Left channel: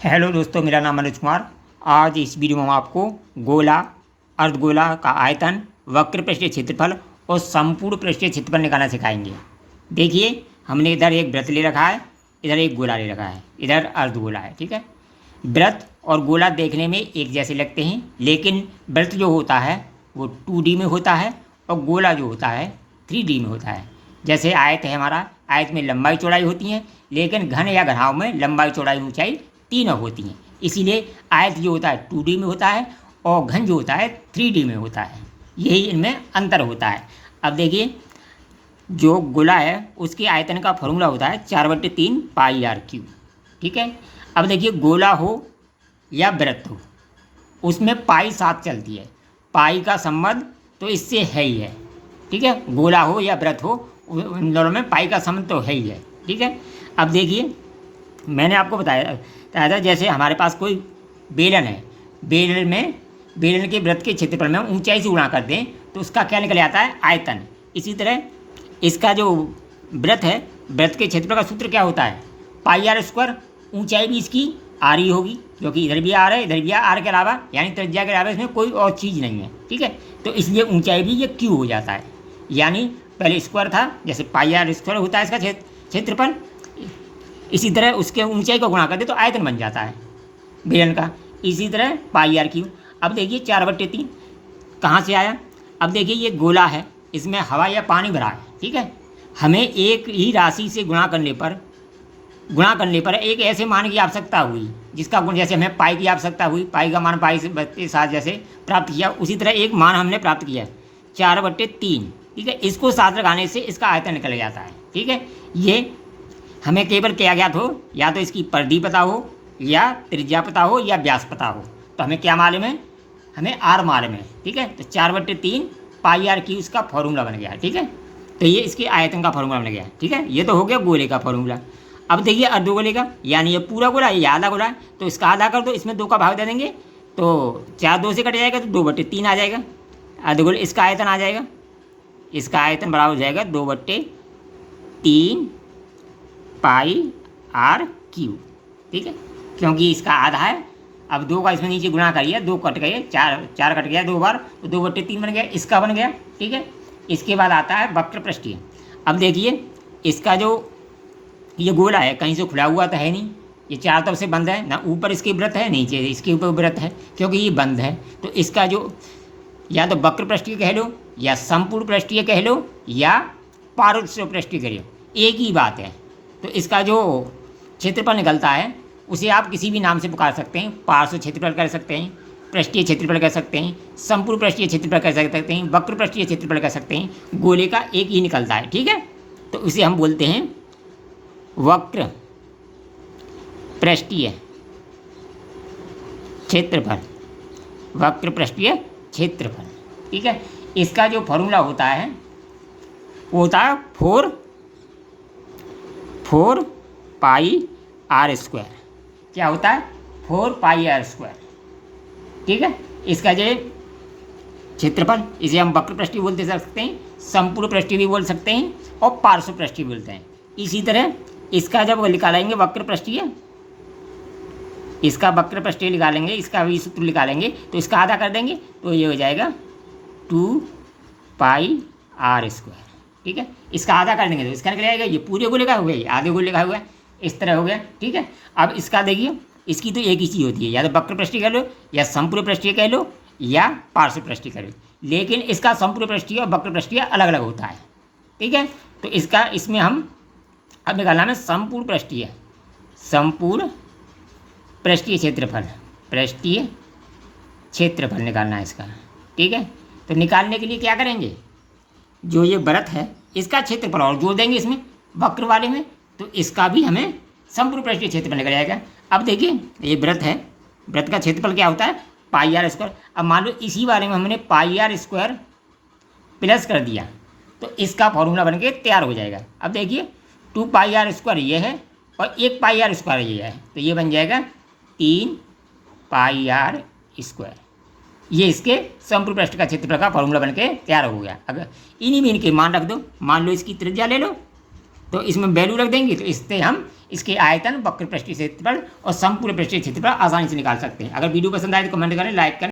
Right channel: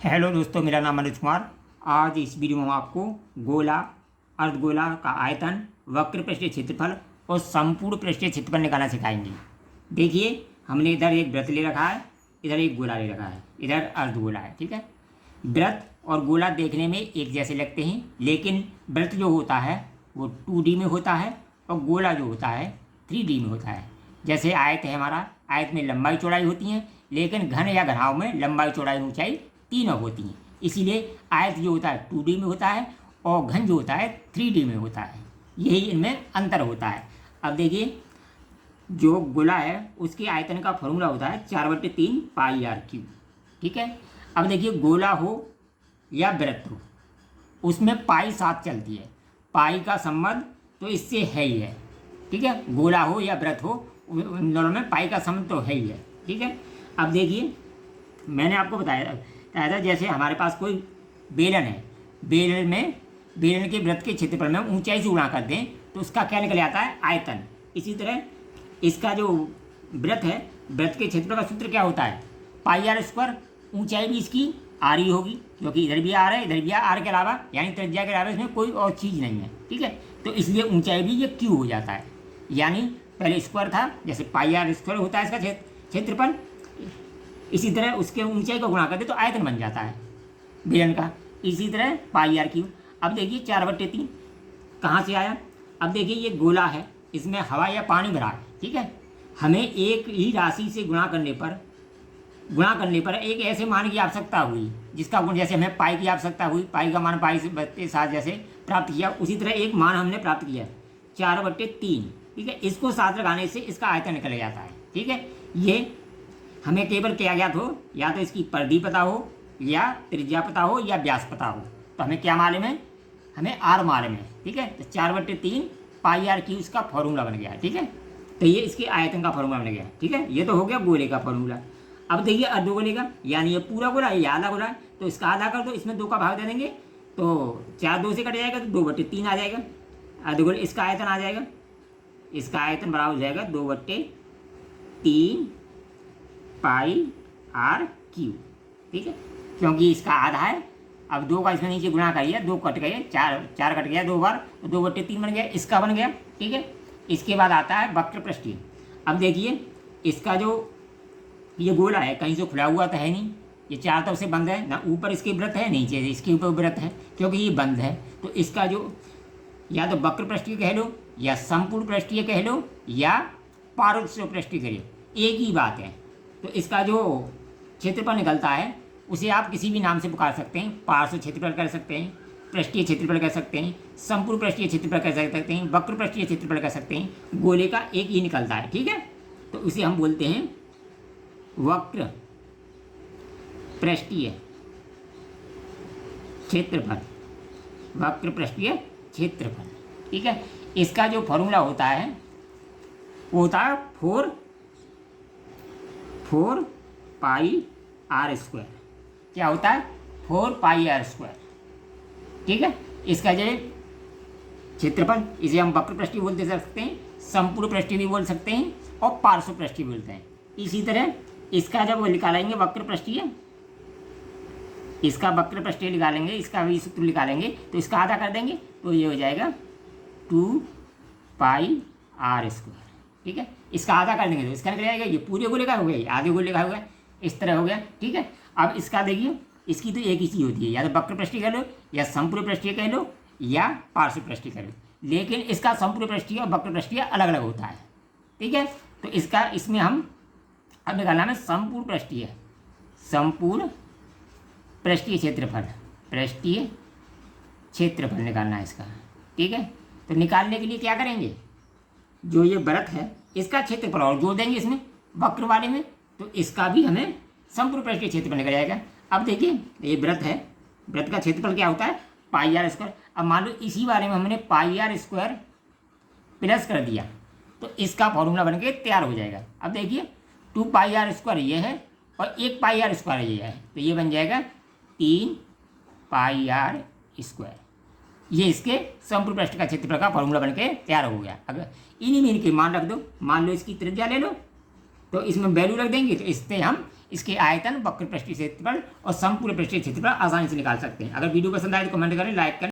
Hello दोस्तों, मेरा नाम मनोज कुमार। आज इस वीडियो में हम आपको गोला, अर्धगोला का आयतन, वक्र पृष्ठीय क्षेत्रफल और संपूर्ण पृष्ठीय क्षेत्रफल निकालना सिखाएंगे। देखिए, हमने इधर एक वृत्त ले रखा है, इधर एक गोला ले रखा है, इधर अर्धगोला है। ठीक है। वृत्त और गोला देखने में एक जैसे लगते हैं, लेकिन वृत्त जो होता है वो 2D में होता है और गोला जो होता है 3D में होता है। जैसे आयत है हमारा, आयत में लंबाई चौड़ाई होती है, लेकिन घन या घनाव में लंबाई चौड़ाई ऊंचाई तीनों होती हैं। इसीलिए आयत जो होता है 2D में होता है और घन जो होता है 3D में होता है। यही इनमें अंतर होता है। अब देखिए, जो गोला है उसके आयतन का फॉर्मूला होता है 4/3 पाई आर क्यूब। ठीक है। अब देखिए, गोला हो या वृत्त हो, उसमें पाई साथ चलती है। पाई का संबंध तो इससे है ही है। ठीक है। गोला हो या वृत्त हो, उन दोनों में पाई का संबंध तो है ही है। ठीक है। अब देखिए, मैंने आपको बताया था जैसे हमारे पास कोई बेलन है, बेलन के वृत्त के क्षेत्रफल में ऊंचाई से गुणा कर दें तो उसका क्या निकल आता है? आयतन। इसी तरह इसका जो वृत्त है, वृत्त के क्षेत्रफल का सूत्र क्या होता है? पाई आर स्क्वायर। ऊंचाई भी इसकी आर ही होगी, क्योंकि इधर भी आर है, इधर भी आर के अलावा, यानी त्रिज्या के अलावा इसमें कोई और चीज़ नहीं है। ठीक है। तो इसलिए ऊंचाई भी ये क्यू हो जाता है। यानी पहले स्क्वायर था, जैसे पाई आर स्क्वायर होता है इसका क्षेत्रफल, इसी तरह उसके ऊंचाई को गुणा कर दे तो आयतन बन जाता है बेलन का। इसी तरह पाई आर क्यूब। अब देखिए, 4/3 कहाँ से आया? अब देखिए, ये गोला है, इसमें हवा या पानी भरा है। ठीक है। हमें एक ही राशि से गुणा करने पर एक ऐसे मान की आवश्यकता हुई जिसका गुण, जैसे हमें पाई की आवश्यकता हुई, पाई का मान पाई से के साथ जैसे प्राप्त किया, उसी तरह एक मान हमने प्राप्त किया 4/3। ठीक है। इसको साथ लगाने से इसका आयतन निकल जाता है। ठीक है। ये हमें केवल क्या ज्ञात हो, या तो इसकी परिधि पता हो, या त्रिज्या पता हो, या व्यास पता हो। तो हमें क्या मालूम है? हमें आर मालूम है। ठीक है। तो 4/3 पाई आर क्यूब इसका फॉर्मूला बन गया। ठीक है। तो ये इसके आयतन का फॉर्मूला बन गया। ठीक है। ये तो हो गया गोले का फॉर्मूला। अब देखिए, अर्धगोले का, यानी ये पूरा गोला, ये आधा गोला है, तो इसका आधा कर दो, इसमें 2 का भाग दे देंगे तो 4 2 से कट जाएगा तो 2/3 आ जाएगा। अर्धगोले इसका आयतन आ जाएगा, इसका आयतन बराबर हो जाएगा 2/3 पाई आर क्यूब। ठीक है। क्योंकि इसका आधा है। अब 2 का इसमें नीचे गुणा करिए, 2 कट गए, 4 कट गया 2 बार, तो 2/3 बन गया, इसका बन गया। ठीक है। इसके बाद आता है वक्र पृष्ठीय। अब देखिए, इसका जो ये गोला है, कहीं से खुला हुआ तो है नहीं, ये चारों तरफ से बंद है ना, ऊपर इसके वृत्त है, नीचे इसके ऊपर वृत्त है, क्योंकि ये बंद है। तो इसका जो, या तो वक्र पृष्ठीय कह लो, या संपूर्ण पृष्ठीय कह लो, या पार्श्व पृष्ठीय कह लो, एक ही बात है। तो इसका जो क्षेत्रफल निकलता है उसे आप किसी भी नाम से पुकार सकते हैं। पार्श्व क्षेत्रफल कर सकते हैं, पृष्ठीय क्षेत्रफल कह सकते हैं, संपूर्ण पृष्ठीय क्षेत्रफल कह सकते हैं, वक्र पृष्ठीय क्षेत्रफल कह सकते हैं। गोले का एक ही निकलता है। ठीक है। तो इसे हम बोलते हैं वक्र पृष्ठीय क्षेत्रफल, वक्र पृष्ठीय क्षेत्रफल। ठीक है। इसका जो फॉर्मूला होता है वो होता है 4 पाई आर स्क्वायर। क्या होता है? 4 पाई आर स्क्वायर। ठीक है। इसका जो क्षेत्रफल, इसे हम वक्र पृष्ठीय बोलते सकते हैं, संपूर्ण पृष्ठीय भी बोल सकते हैं, और पार्श्व पृष्ठीय बोलते हैं। इसी तरह इसका जब निकालेंगे वक्र पृष्ठीय, इसका वक्र पृष्ठीय निकालेंगे, इसका भी सूत्र निकालेंगे, तो इसका आधा कर देंगे तो ये हो जाएगा 2 पाई आर स्क्वायर। ठीक है। इसका आधा कर देंगे तो इसका निकल जाएगा, ये पूरे गोले का हो गया, ये आधे गोले का हो गया, इस तरह हो गया। ठीक है। अब इसका देखिए, इसकी तो एक ही चीज़ होती है, या तो वक्र पृष्ठीय कह लो, या संपूर्ण पृष्ठीय कह लो, या पार्श्व पृष्ठीय कह लो, लेकिन इसका संपूर्ण पृष्ठीय और वक्र पृष्ठीय अलग अलग होता है। ठीक है। तो इसका, इसमें हम अब निकालना है संपूर्ण पृष्ठीय क्षेत्रफल, पृष्ठीय क्षेत्रफल निकालना है इसका। ठीक है। तो निकालने के लिए क्या करेंगे? जो ये वृत्त है इसका क्षेत्रफल और जोड़ देंगे इसमें, वक्र वाले में, तो इसका भी हमें संपूर्ण पृष्ठीय क्षेत्रफल निकल जाएगा। अब देखिए, ये वृत्त है, वृत्त का क्षेत्रफल क्या होता है? पाई आर स्क्वायर। अब मान लो इसी बारे में हमने पाई आर स्क्वायर प्लस कर दिया तो इसका फॉर्मूला बन के तैयार हो जाएगा। अब देखिए, 2 पाई आर स्क्वायर ये है और 1 पाई आर स्क्वायर ये है, तो ये बन जाएगा 3 पाई आर स्क्वायर। ये इसके संपूर्ण पृष्ठ का क्षेत्रफल का फॉर्मूला बन के तैयार हो गया। अगर इन्हीं में इनके मान रख दो, मान लो इसकी त्रिज्या ले लो, तो इसमें वैल्यू रख देंगे, तो इससे हम इसके आयतन, वक्र पृष्ठीय क्षेत्रफल और समपूर्ण पृष्ठीय क्षेत्रफल आसानी से निकाल सकते हैं। अगर वीडियो पसंद आए तो कमेंट करें, लाइक करें।